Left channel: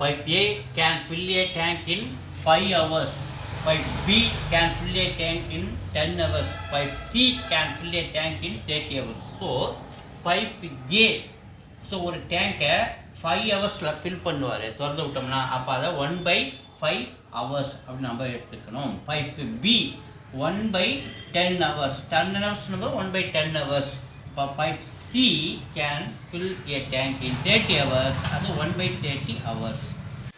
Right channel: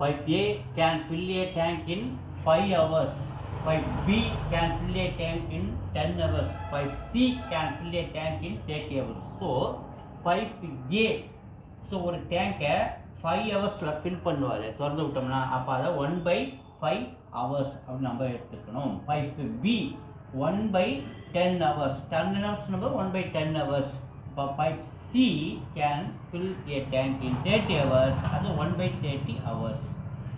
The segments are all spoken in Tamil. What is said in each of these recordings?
Pipe A can fill a tank in 5 hours. Pipe B can fill a tank in 10 hours. Pipe C can fill a tank in 30 hours. So, pipe A, so ஒரு டேங்கை 5 ஹவர்ஸில் ஃபில் பண்ணுவார் திறந்து விட்டோம்னா, அப்போ அதை 1/5 ஹவர்ஸ் அப்படின்னு நம்ம எடுத்துக்கணும். Pipe B 1/10 hours. 10 hours 1/10 hours. இப்போ pipe C can fill a tank in 30 hours. அது 1/30 hours.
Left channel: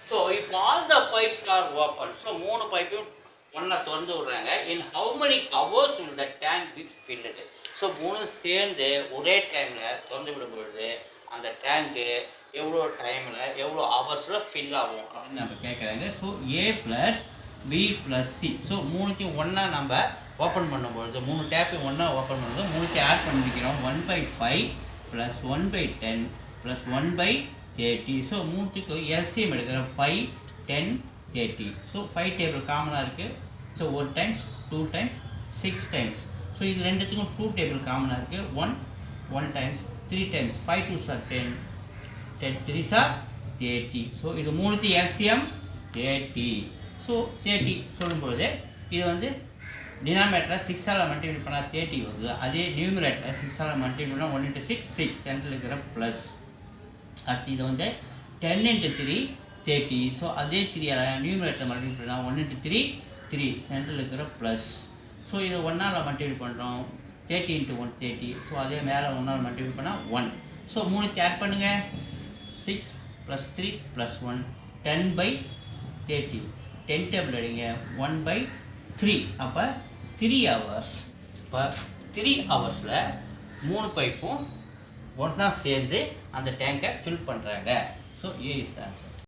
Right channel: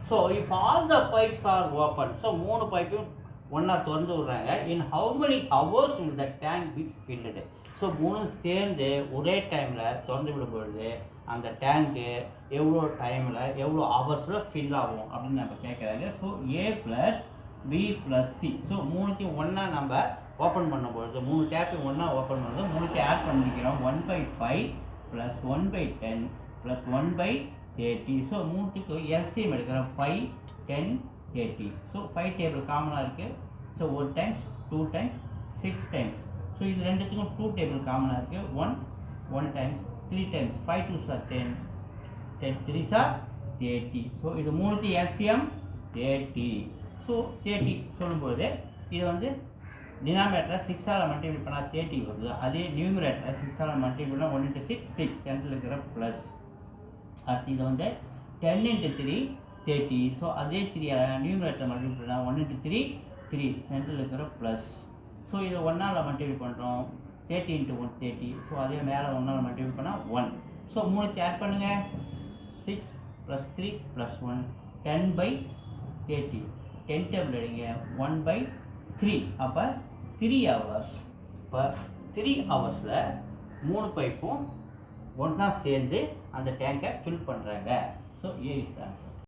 So if all the pipes are open, so 3 பைப்பையும் ஒன்றா திறந்து விடுறாங்க. In how many hours will the tank be filled? So 3 சேர்ந்து ஒரே டைமில் திறந்து விடும்பொழுது அந்த டேங்க்கு எவ்வளோ டைமில் எவ்வளோ ஹவர்ஸில் ஃபில் ஆகும் அப்படின்னு நம்ம கேட்குறாங்க. So A plus B plus C, so 3த்தையும் ஒன்றா நம்ம ஓப்பன் பண்ணும்பொழுது 3 டேப்பையும் ஒன்றா ஓப்பன் பண்ணும்போது 3த்தையும் ஆட் பண்ணிக்கிறோம். 1/5 ப்ளஸ் 1/10 ப்ளஸ் 1/30. ஸோ 3த்துக்கு எல்சிஎம் எடுக்கிறோம். 5, 10, 30. ஸோ 5 டேபிள் காமனாக இருக்குது. So 1 times 2 times 6 times. So இது ரெண்டுத்துக்கும் 2 டேபிள் காமனாக இருக்குது. 1 times 3 times 5 2s are 10, 10 3s are 30. So இது 3த்து எல்சிஎம் 30. ஸோ 30 சொல்லும்பொழுது இது வந்து டினாமினேட்டரில் 6ஆல் மல்டிப்ளை பண்ணால் 30 வருது. அதே நியூமரேட்டரில் 6ஆல் மல்டிப்ளை பண்ணால் 1 × 6 6 சென்டரில் இருக்கிற ப்ளஸ். அடுத்து இது வந்து 10 × 3 30. ஸோ அதே 3 நியூமரேட்டர் மல்டிப்ளை பண்ணால் 1 × 3 3 சென்டரில் இருக்கிற ப்ளஸ். ஸோ இதை 1ஆல் மல்டிப்ளை பண்ணுறோம். 30 × 1 30. ஸோ அதே மேலே 1ஆல் மல்டிப்ளை பண்ணால் 1. ஸோ 3 ஆட் பண்ணுங்கள். 6 + 3 + 1 10/30. 10 டேபிள் அடிங்க. 1/3. அப்போ 3 ஹவர்ஸ். இப்போ 3 ஹவர்ஸில் 3 பைப்பும் ஒன்றா சேர்ந்து அந்த டேங்கை ஃபில் பண்ணுறாங்க. So A is the answer.